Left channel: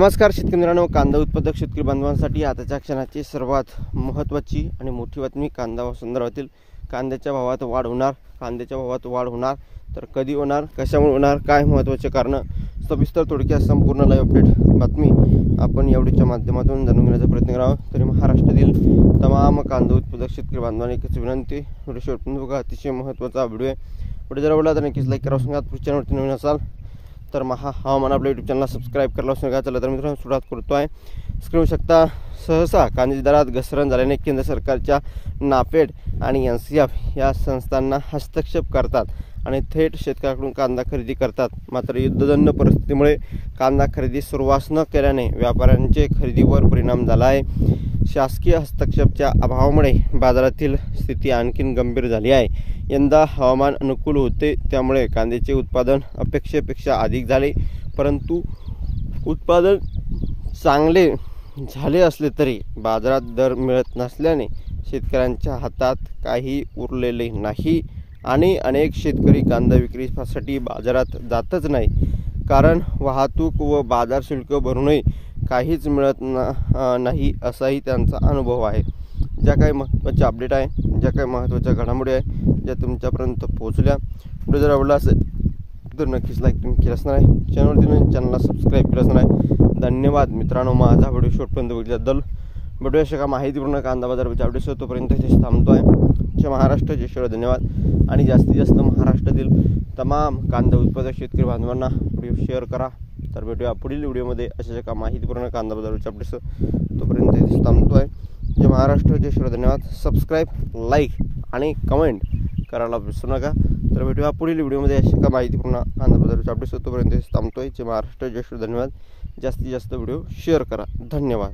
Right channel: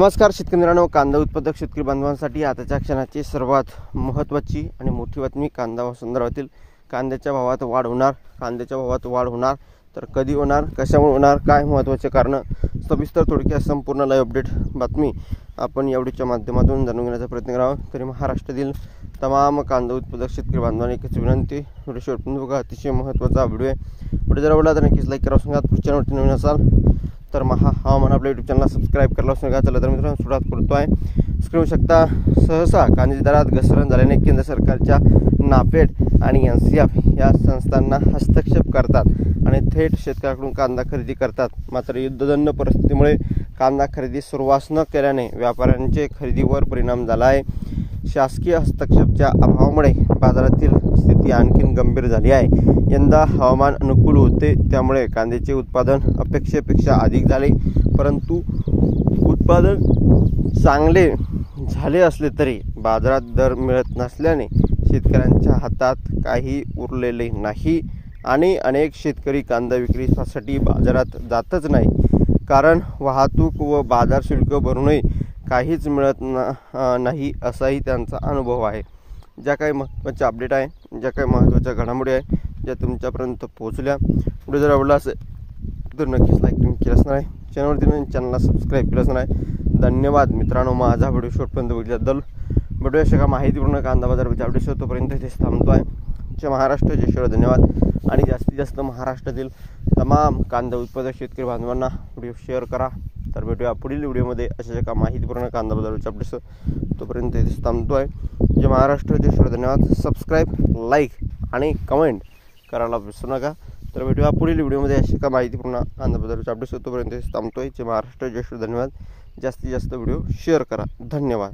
नमस्कार शेतकरी मित्रांनो, कांदा उत्पादक शेतकरी बांधवांसाठी आताच्या क्षणाची सर्वात महत्त्वाची आणि मोठी बातमी कांदा संदर्भातील कांद्याच्या भावात वाढ होणार. कांद्याच्या भावात वाढ होणार तर कधी होणार, कशामुळे होणार, काय महत्त्वाचे कारण, सविस्तर थोडक्यात संपूर्ण लाईव्ह अपडेट बातमी आपण या व्हिडिओच्या माध्यमातून जाणून घेण्याचा प्रयत्न करावा. तरी महाराष्ट्रातील तमाम कांदा उत्पादक शेतकरी बांधवांनी एकच विनंती, व्हिडिओ शेवटपर्यंत बघा. अतिशय महत्त्वाचा व्हिडिओ आहे. व्हिडिओ जर आवडला तर नक्कीच लाईक करा. चॅनलवरती नवीन असाल तर हवामान आपल्या यूट्यूब चॅनलला सबस्क्राईब करायला असं नका. चला तर मित्रांनो सुरुवात करतो आहे. स्क्रीन शकता सहसा कांद्याच्या दरात घसरण झाल्याने केंद्र सरकारच्या नाफेड आणि NCF या संस्थांना हस्तक्षेप करतात आणि थेट शेतकऱ्यांकडून कांदा खरेदी करतात. मात्र युद्धजन्य परिस्थितीमुळे कांदा खरेदी सुरुवात न केल्याने व्यापाऱ्यांचे खरेदीवर परिणाम झाला आहे. शासकीय हस्तक्षेपाच्या अभावामुळे बाजारातील स्थिती आणखीन गंभीर झाली आहे. यंदा हवामान अनुकूल होते त्यामुळे कांद्याचे उत्पादन अपेक्षेपेक्षा अधिक झाले, परंतु उत्पादन चांगले झाले असले तरी बाजारात दर मिळत नसल्याने शेतकऱ्यांच्या हातात काही उरलेले नाही आणि अनेक शेतकरी कांदा विक्रीसाठी बाजारात जातच नाही, कारण वाहतूक व बाजार शुल्क भरूनही काहीच मिळत नाही असाही त्यांचा अनुभव आहे. ज्या काही महत्त्वाच्या अपडेट आहे, ज्या काही महत्त्वाच्या घडामोडी आहे, ज्या तुमच्यापर्यंत पोहोचल्या, व्हिडिओ जर आवडला असेल तर नक्कीच लाईक तुम्ही केलं असणार आहे. चॅनलला सबस्क्राईब केलं असणार आहे. धन्यवाद मित्रांनो. माझा व्हिडिओ शेवटपर्यंत बघितल्याबद्दल. व्हिडिओ अशा माहितीपूर्ण कांदा बाजाराच्या अपडेट्स तोपर्यंत इथेच थांबतो आहे. जय महाराष्ट्र, जय शिवराय. धन्यवाद. आणि जास्तीत जास्त महाराष्ट्रातील तमाम कांदा उत्पादक शेतकरी बांधवांना व्हिडिओ शेअर करा. तर भेटूया पुढील व्हिडिओमध्ये अशा का माहितीपूर्ण कांदा बाजाराच्या अपडेट्स. तोपर्यंत इथेच थांबतो आहे. जय महाराष्ट्र, जय शिवराय. धन्यवाद. सबस्क्राईब, लाईक आणि कमेंट करायला विसरू नका. तर भेटूया पुढील व्हिडिओमध्ये अशा का माहितीपूर्ण कांदा बाजाराच्या अपडेट्स. तोपर्यंत इथेच थांबतो आहे. जय महाराष्ट्र, जय शिवराय. धन्यवाद. जास्तीत जास्त व्हिडिओ शेअर करा. धन्यवाद.